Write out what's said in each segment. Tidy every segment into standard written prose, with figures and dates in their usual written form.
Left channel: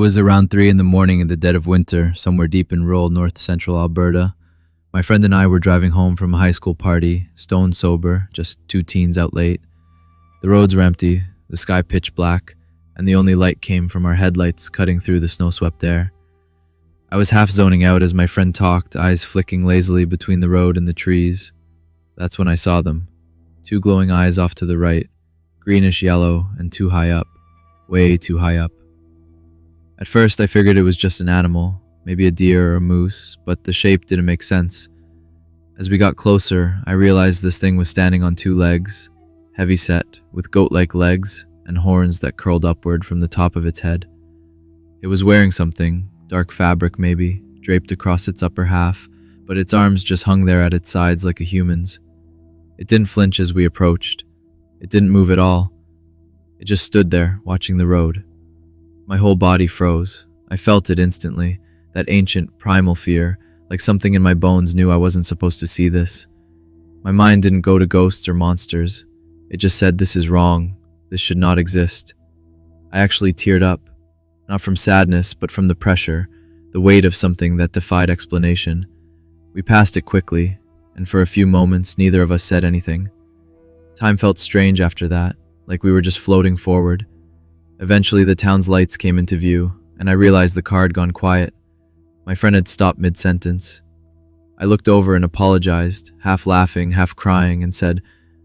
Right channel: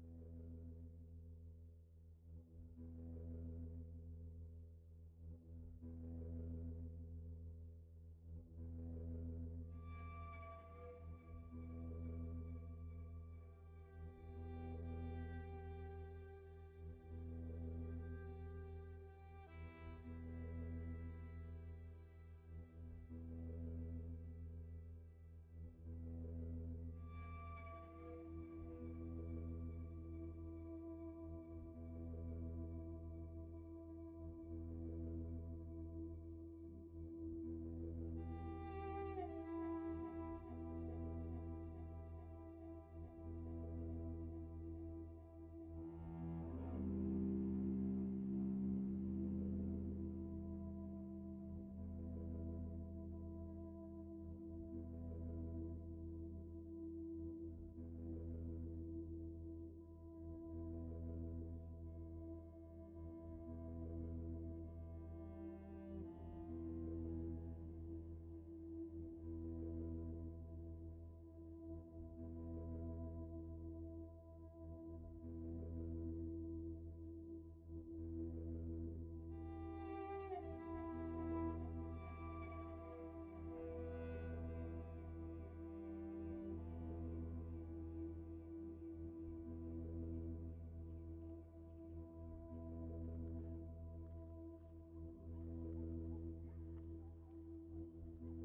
was around 3 in the morning in the dead of winter, somewhere deep in rural north-central Alberta. My friend and I were driving home from a high school party, stone sober, just two teens out late. The roads were empty, the sky pitch black, and the only light came from our headlights cutting through the snow-swept air. I was half zoning out as my friend talked, eyes flicking lazily between the road and the trees. That's when I saw them. Two glowing eyes off to the right, greenish yellow and too high up, way too high up. At first I figured it was just an animal, maybe a deer or a moose, but the shape didn't make sense. As we got closer, I realized this thing was standing on two legs, heavy set, with goat-like legs and horns that curled upward from the top of its head. It was wearing something, dark fabric maybe, draped across its upper half, but its arms just hung there at its sides like a human's. It didn't flinch as we approached. It didn't move at all. It just stood there, watching the road. My whole body froze. I felt it instantly, that ancient, primal fear, like something in my bones knew I wasn't supposed to see this. My mind didn't go to ghosts or monsters. It just said, this is wrong. This should not exist. I actually teared up, not from sadness, but from the pressure, the weight of something that defied explanation. We passed it quickly, and for a few moments, neither of us said anything. Time felt strange after that, like we were just floating forward. Eventually, the town's lights came into view, and I realized the car had gone quiet. My friend had stopped mid-sentence. I looked over and apologized, half laughing, half crying, and said,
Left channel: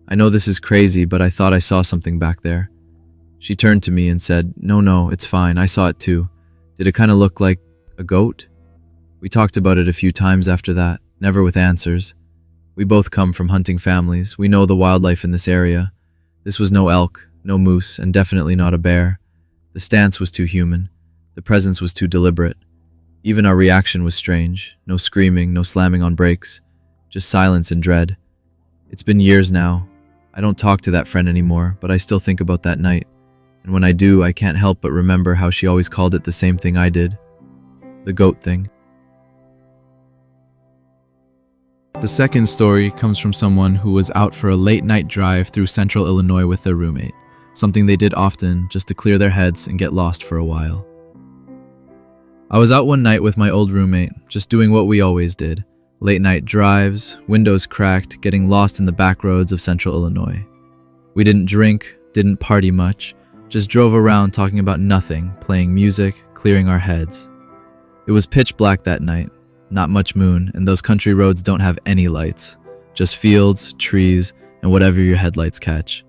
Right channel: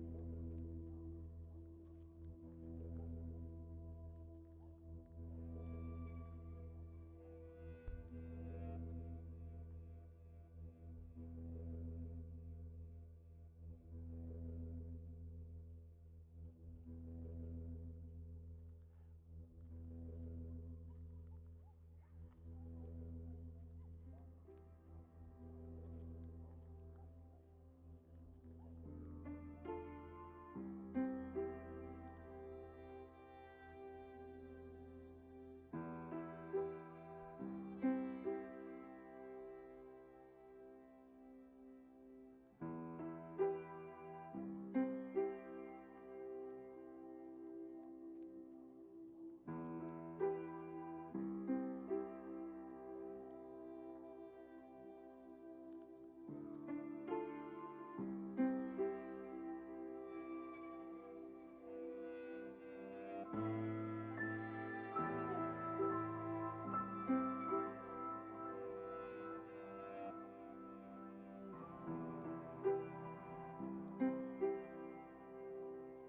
I know this is crazy, but I thought I saw something back there. She turned to me and said, No, it's fine, I saw it too. Did it kind of look like a goat? We talked about it a few times after that, never with answers. We both come from hunting families. We know the wildlife in this area. This was no elk, no moose, and definitely not a bear. The stance was too human. The presence was too deliberate. Even our reaction was strange. No screaming, no slamming on brakes. Just silence and dread. It's been years now. I don't talk to that friend anymore, but I still think about that night. And when I do, I can't help but remember how she always called it the same thing I did. The goat thing. The second story comes from someone who was out for a late-night drive through central Illinois with their roommate, something they did often just to clear their heads and get lost for a while. I was out one night with my old roommate, just doing what we always did. Late-night drives, windows cracked, getting lost in the back roads of central Illinois. We didn't drink, didn't party much, just drove around talking about nothing, playing music, clearing our heads. It was pitch black that night. Not much moon, and those country roads don't have any lights. Just fields, trees, and whatever your headlights catch.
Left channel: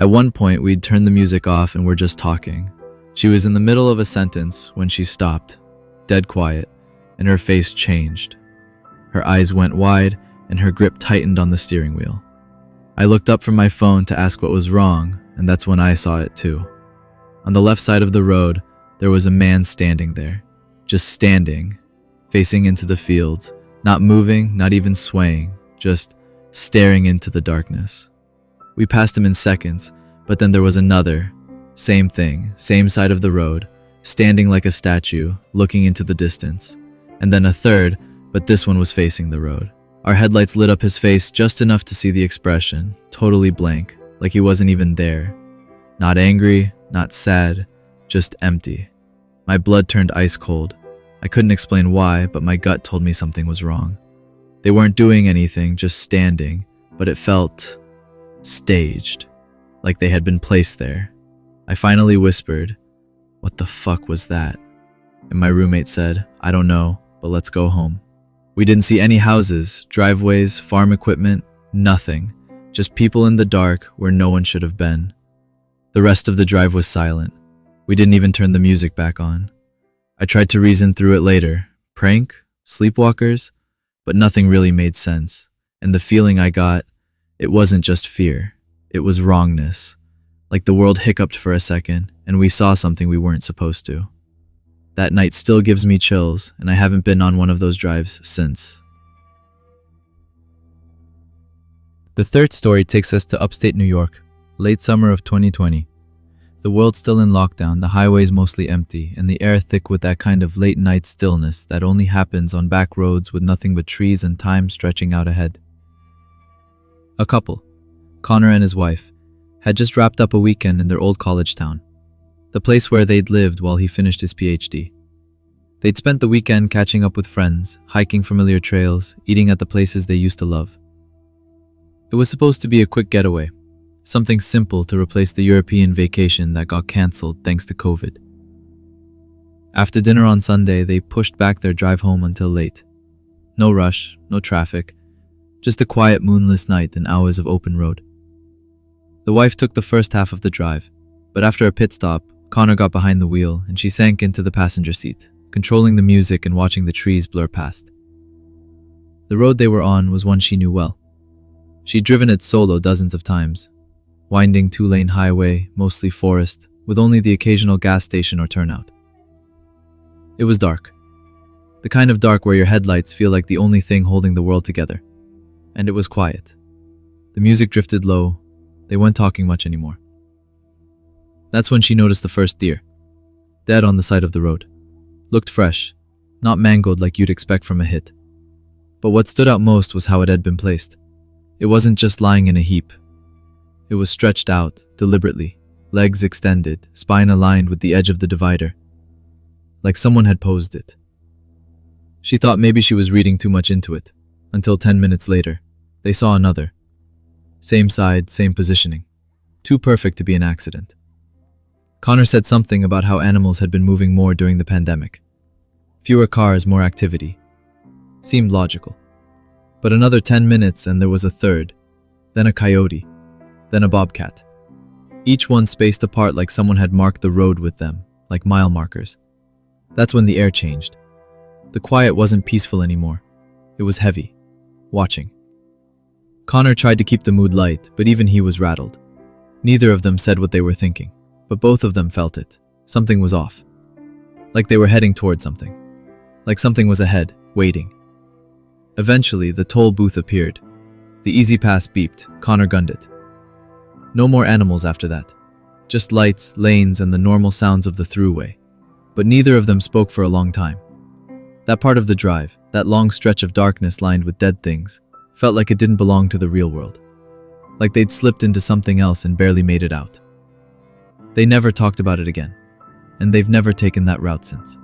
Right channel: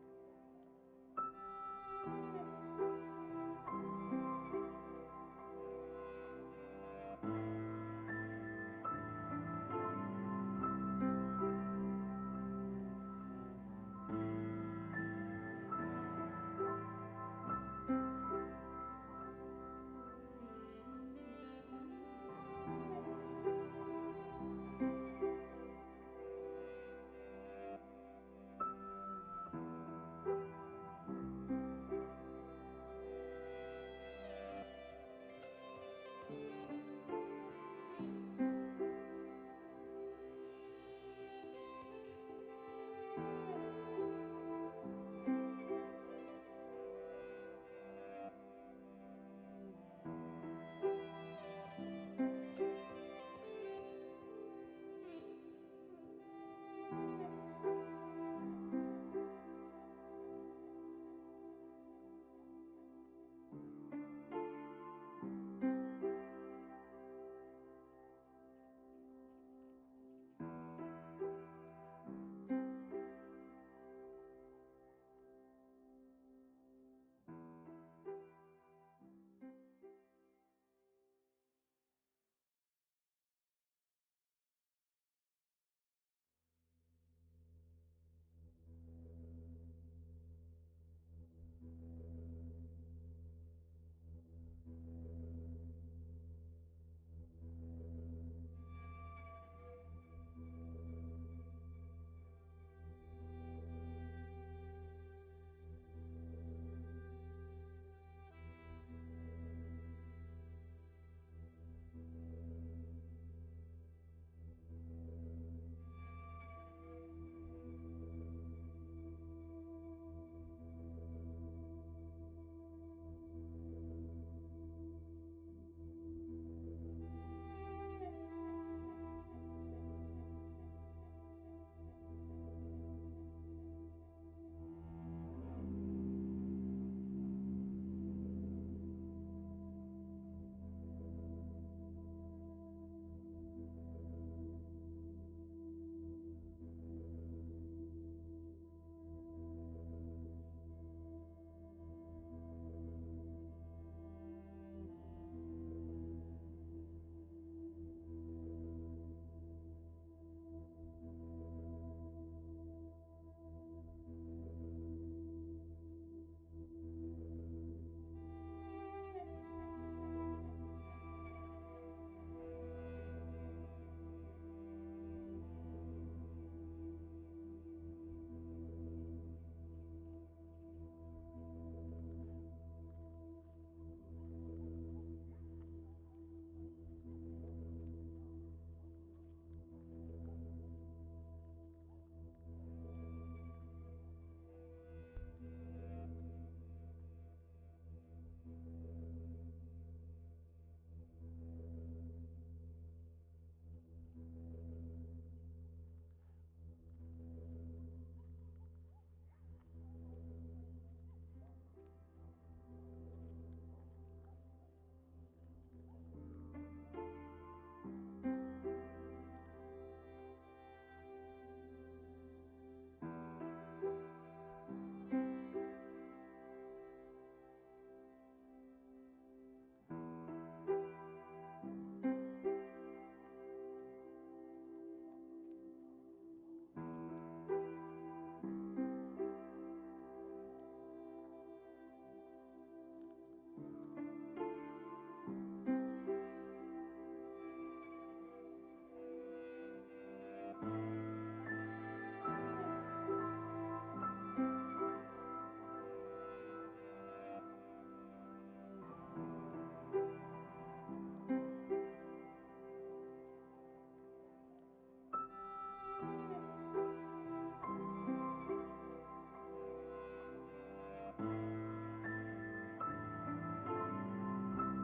At one point, we'd turned the music off and were just talking. She was in the middle of a sentence when she stopped, dead quiet, and her face changed. Her eyes went wide, and her grip tightened on the steering wheel. I looked up from my phone to ask what was wrong, and that's when I saw it too. On the left side of the road, there was a man standing there, just standing, facing into the fields, not moving, not even swaying, just staring into the darkness. We passed him in seconds, but then there was another, same thing, same side of the road, standing like a statue, looking into the distance. And then a third, but this one was facing the road. Our headlights lit up his face just enough to see the expression, totally blank, like he wasn't even there. Not angry, not sad, just empty. My blood turned ice cold. I couldn't explain why, but my gut told me something was wrong. They weren't doing anything, just standing, but it felt staged, like they had been placed there. I finally whispered, "What the fuck was that?" And my roommate said, "I don't know, but let's go home." We didn't see any houses, driveways, farm equipment, nothing. Just people in the dark where no one should have been. The rest of the drive was silent. We didn't even turn the music back on. I tried to reason through it later. Prank? Sleepwalkers? But nothing really made sense. And the feeling I got, it wasn't just fear. It was wrongness. Like the world hiccuped for a second, and we saw something we weren't supposed to. That night still gives me chills, and I haven't been on one of those drives since. The third story takes us to upstate New York, late summer of 2020. The world's still in lockdown, the highways mostly empty, and the air thick with that kind of late-night stillness that only happens on back roads with nothing but trees and time stretching out ahead. A couple, Connor and his wife, had just wrapped up a weekend in their old college town. the place where they'd lived while he finished his PhD. They'd spent the weekend catching up with friends, hiking familiar trails, eating at the places they used to love. It was supposed to be a quick getaway, something simple to replace the European vacation that got cancelled thanks to COVID. After dinner on Sunday, they pushed back their drive home until late. No rush, no traffic, just a quiet moonless night and hours of open road. The wife took the first half of the drive, but after a pit stop, Connor got behind the wheel and she sank into the passenger seat, controlling the music and watching the trees blur past. The road they were on was one she knew well. She'd driven it solo dozens of times, winding two-lane highway, mostly forest, with only the occasional gas station or turnout. It was dark. The kind of dark where your headlights feel like the only thing holding the world together. And it was quiet. The music drifted low. They weren't talking much anymore. That's when she noticed the first deer, dead on the side of the road. Looked fresh, not mangled like you'd expect from a hit. But what stood out most was how it had been placed. It wasn't just lying in a heap. It was stretched out, deliberately, legs extended, spine aligned with the edge of the divider, like someone had posed it. She thought maybe she was reading too much into it, until 10 minutes later, they saw another. Same side, same positioning. Too perfect to be an accident. Connor said something about how animals had been moving more during the pandemic. Fewer cars, more activity. Seemed logical. But another 10 minutes and there was a third, then a coyote, then a bobcat. Each one spaced apart like someone had marked the road with them, like mile markers. That's when the air changed. The quiet wasn't peaceful anymore. It was heavy. Watching. Connor tried to keep the mood light, but even he was rattled. Neither of them said what they were thinking, but both of them felt it. Something was off. Like they were heading toward something. Like something was ahead, waiting. Eventually, the toll booth appeared. The Easy Pass beeped. Connor gunned it. No more animals after that. Just lights, lanes, and the normal sounds of the throughway. But neither of them spoke for a long time. That part of the drive, that long stretch of darkness lined with dead things, felt like it didn't belong to the real world. Like they'd slipped into something else and barely made it out. They never talked about it again, and they've never taken that route since.